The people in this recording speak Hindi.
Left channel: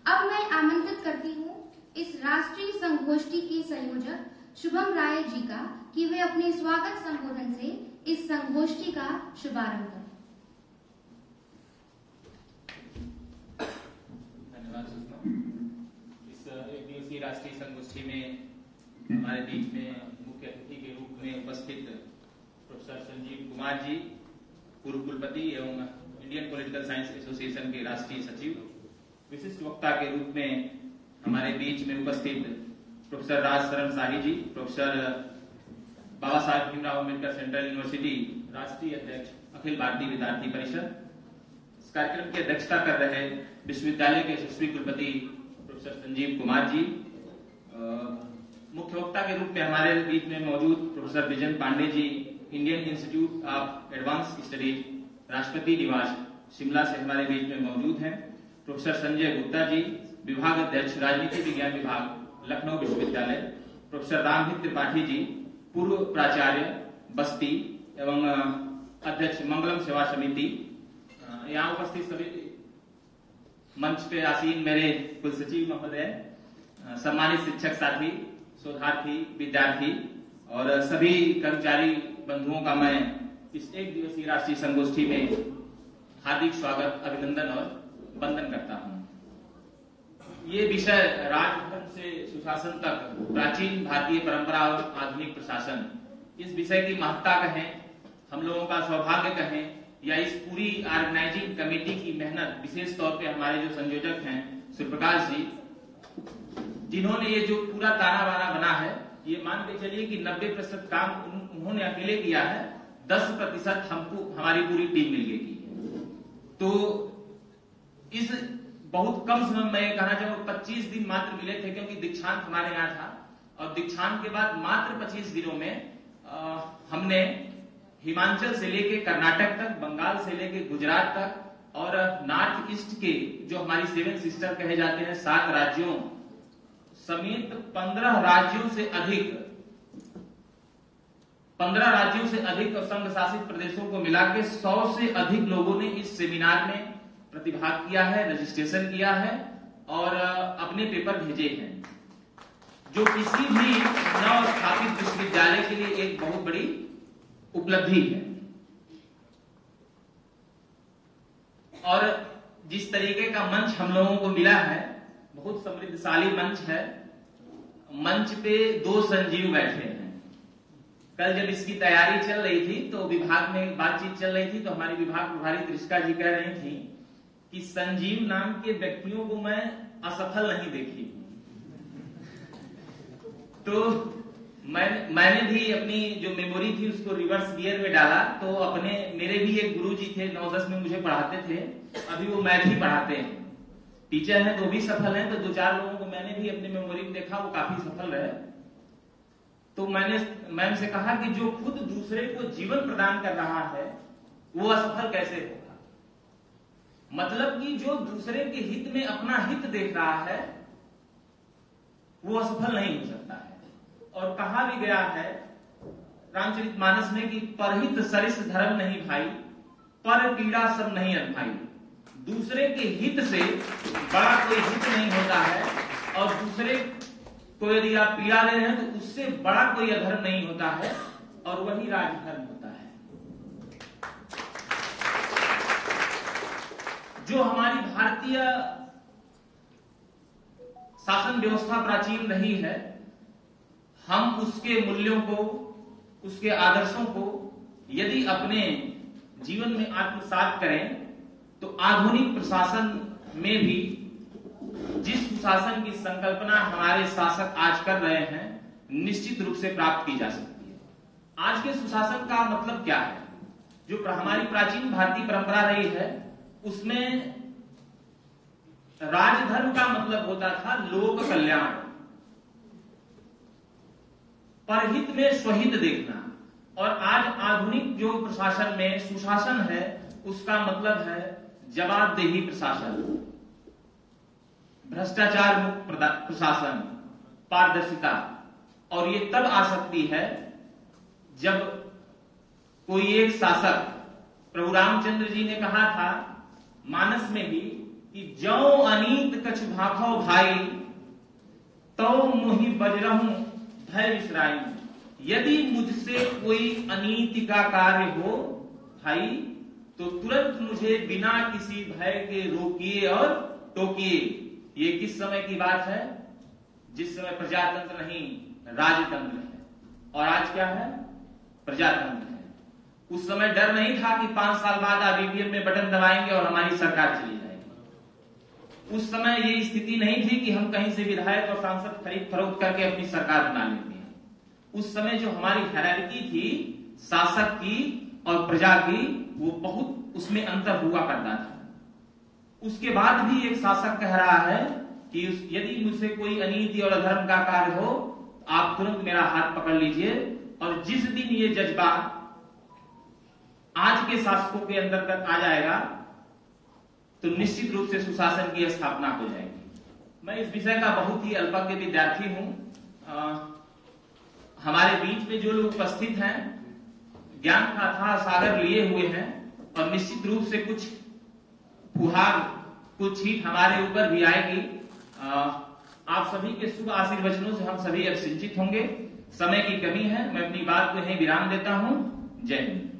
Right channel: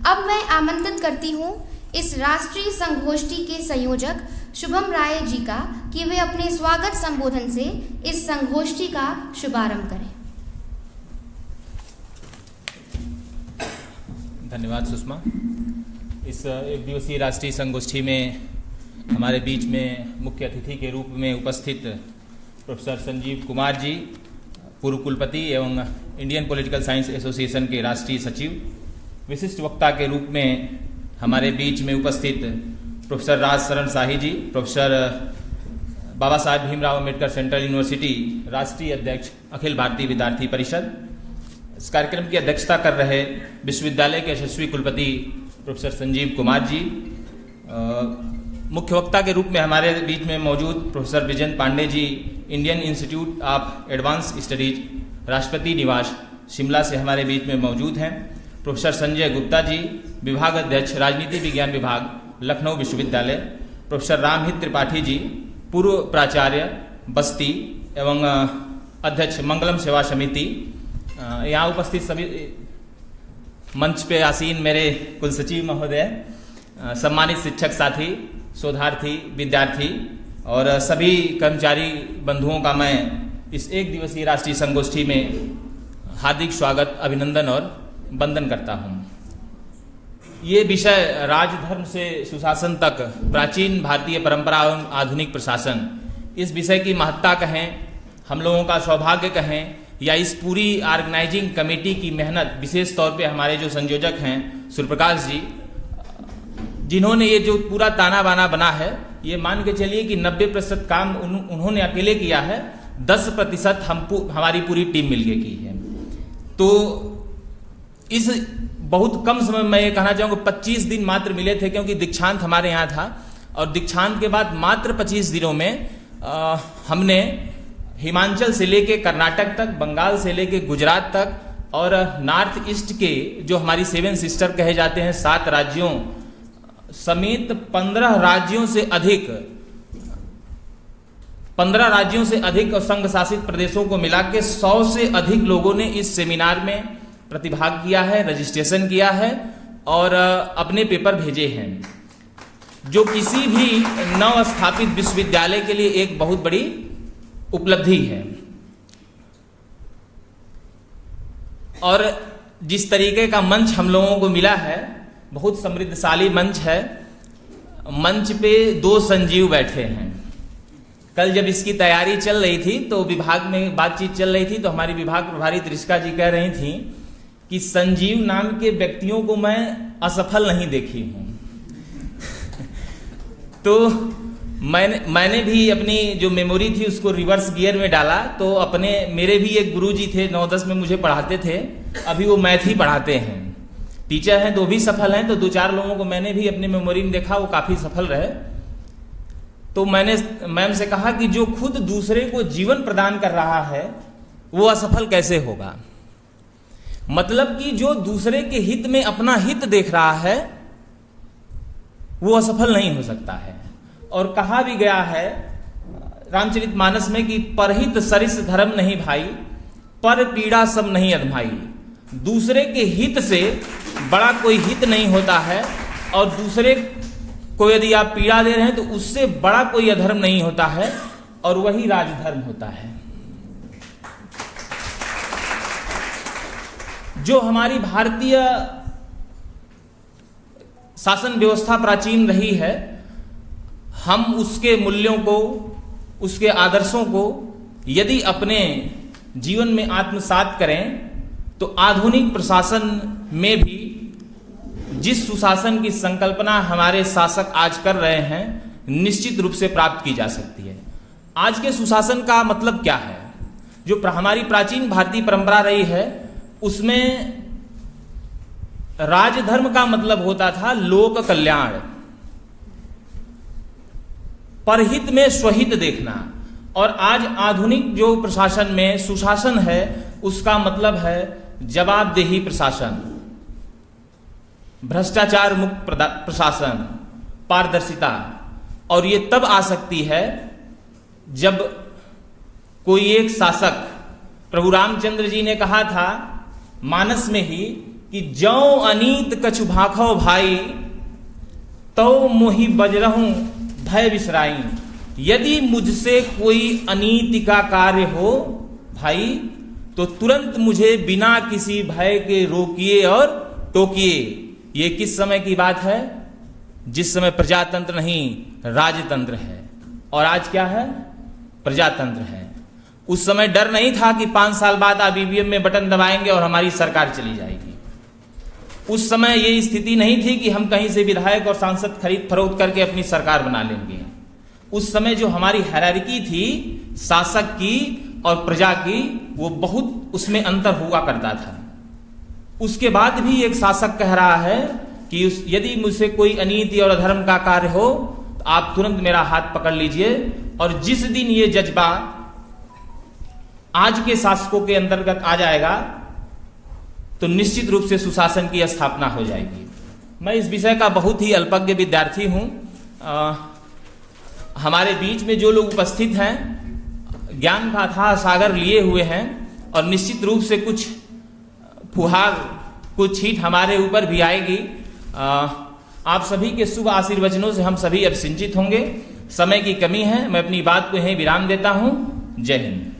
अब मैं आमंत्रित करती हूँ इस राष्ट्रीय संगोष्ठी के संयोजक शुभम राय जी का कि वे अपने स्वागत संबोधन से इस संगोष्ठी का शुभारंभ करें। धन्यवाद सुषमा। इस एक दिवसीय राष्ट्रीय संगोष्ठी में हमारे बीच में मुख्य अतिथि के रूप में उपस्थित प्रोफेसर संजीव कुमार जी, पूर्व कुलपति एवं इंडियन पॉलिटिकल साइंस एसोसिएशन के राष्ट्रीय सचिव, विशिष्ट वक्ता के रूप में हमारे बीच में उपस्थित प्रोफेसर राज शरण शाही जी, professor Baba Saheb Bhimrao Ambedkar central university राष्ट्रीय अध्यक्ष अखिल भारतीय विद्यार्थी परिषद। इस कार्यक्रम की अध्यक्षता कर रहे विश्वविद्यालय के यशस्वी कुलपति प्रोफेसर संजीव कुमार जी। मुख्य वक्ता के रूप में हमारे बीच में मौजूद professor Vijayan Pande ji, Indian Institute of Advanced Studies Rashtrapati Nivas Shimla से हमारे बीच में मौजूद हैं। प्रोफेसर संजय गुप्ता जी, विभाग अध्यक्ष राजनीति विज्ञान विभाग लखनऊ विश्वविद्यालय। प्रोफेसर रामहित त्रिपाठी जी, पूर्व प्राचार्य बस्ती एवं अध्यक्ष मंगलम सेवा समिति। यहाँ उपस्थित सभी मंच पे आसीन मेरे कुल सचिव महोदय, सम्मानित शिक्षक साथी, शोधार्थी, विद्यार्थी और सभी कर्मचारी बंधुओं का मैं इस एक दिवसीय राष्ट्रीय संगोष्ठी में हार्दिक स्वागत, अभिनंदन और वंदन करता हूँ। ये विषय राजधर्म से सुशासन तक प्राचीन भारतीय परंपरा एवं आधुनिक प्रशासन, इस विषय की महत्ता कहें, हम लोगों का सौभाग्य कहें, या इस पूरी ऑर्गेनाइजिंग कमेटी की मेहनत, विशेष तौर पे हमारे जो संयोजक हैं सूर्यप्रकाश जी, जिन्होंने ये जो पूरा ताना बाना बना है, ये मान के चलिए कि 90% काम उन्होंने अकेले किया है, 10% हमारी पूरी टीम मिलके की है। तो इस बहुत कम समय में ये कहना चाहूँगा 25 दिन मात्र मिले थे, क्योंकि दीक्षांत हमारे यहाँ था और दीक्षांत के बाद मात्र 25 दिनों में हमने हिमाचल से लेके कर्नाटक तक, बंगाल से लेके गुजरात तक और नॉर्थ ईस्ट के जो हमारी 7 सिस्टर कहे जाते हैं 7 राज्यों समेत 15 राज्यों से अधिक और संघ शासित प्रदेशों को मिला के 100 से अधिक लोगों ने इस सेमिनार में प्रतिभाग किया है, रजिस्ट्रेशन किया है और अपने पेपर भेजे हैं, जो किसी भी नव स्थापित विश्वविद्यालय के लिए एक बहुत बड़ी उपलब्धि है। और जिस तरीके का मंच हम लोगों को मिला है, बहुत समृद्धशाली मंच है। मंच पे 2 संजीव बैठे हैं। कल जब इसकी तैयारी चल रही थी तो विभाग में बातचीत चल रही थी, तो हमारी विभाग प्रभारी त्रिषका जी कह रही थी कि संजीव नाम के व्यक्तियों को मैं असफल नहीं देखी हूं। तो मैंने भी अपनी जो मेमोरी थी उसको रिवर्स गियर में डाला, तो मेरे भी एक गुरुजी थे, 9-10 में मुझे पढ़ाते थे, अभी वो मैथ ही पढ़ाते हैं, टीचर हैं, तो भी सफल हैं। तो 2-4 लोगों को मैंने भी अपनी मेमोरी में देखा, वो काफी सफल रहे। तो मैंने मैम से कहा कि जो खुद दूसरे को जीवन प्रदान कर रहा है वो असफल कैसे होगा। मतलब कि जो दूसरे के हित में अपना हित देख रहा है वो असफल नहीं हो सकता है। और कहा भी गया है रामचरितमानस में कि परहित सरिस धर्म नहीं भाई, पर पीड़ा सब नहीं अधमाई। दूसरे के हित से बड़ा कोई हित नहीं होता है, और दूसरे को यदि आप पीड़ा दे रहे हैं तो उससे बड़ा कोई अधर्म नहीं होता है, और वही राजधर्म होता है। जो हमारी भारतीय शासन व्यवस्था प्राचीन रही है, हम उसके मूल्यों को, उसके आदर्शों को यदि अपने जीवन में आत्मसात करें तो आधुनिक प्रशासन में भी जिस सुशासन की संकल्पना हमारे शासक आज कर रहे हैं, निश्चित रूप से प्राप्त की जा सकती है। आज के सुशासन का मतलब क्या है? जो हमारी प्राचीन भारतीय परंपरा रही है उसमें राजधर्म का मतलब होता था लोक कल्याण, परहित में स्वहित देखना। और आज आधुनिक जो प्रशासन में सुशासन है उसका मतलब है जवाबदेही प्रशासन, भ्रष्टाचार मुक्त प्रशासन, पारदर्शिता। और ये तब आ सकती है जब कोई एक शासक, प्रभु रामचंद्र जी ने कहा था मानस में ही कि जौ अनीत कछु भाखो भाई, तो मोहि बजरहूं भय बिसराई। यदि मुझसे कोई अनीति का कार्य हो भाई, तो तुरंत मुझे बिना किसी भय के रोकिए और टोकिए। ये किस समय की बात है? जिस समय प्रजातंत्र नहीं राजतंत्र है, और आज क्या है? प्रजातंत्र है। उस समय डर नहीं था कि 5 साल बाद आप ईवीएम में बटन दबाएंगे और हमारी सरकार चली जाएगी। उस समय ये स्थिति नहीं थी कि हम कहीं से विधायक और सांसद खरीद फरोख्त करके अपनी सरकार बना लेंगे। उस समय जो हमारी हायरार्की थी शासक की और प्रजा की, वो बहुत उसमें अंतर हुआ करता था। उसके बाद भी एक शासक कह रहा है कि यदि मुझसे कोई अनीति और अधर्म का कार्य हो तो आप तुरंत मेरा हाथ पकड़ लीजिए। और जिस दिन ये जज्बा आज के शासकों के अंतर्गत आ जाएगा तो निश्चित रूप से सुशासन की स्थापना हो जाएगी। मैं इस विषय का बहुत ही अल्पज्ञ विद्यार्थी हूं। हमारे बीच में जो लोग उपस्थित हैं ज्ञान का अथाह सागर लिए हुए हैं, और निश्चित रूप से कुछ फुहार, कुछ छींट हमारे ऊपर भी आएगी। आप सभी के शुभ आशीर्वचनों से हम सभी अब सिंचित होंगे। समय की कमी है, मैं अपनी बात को यहीं विराम देता हूं। जय हिंद।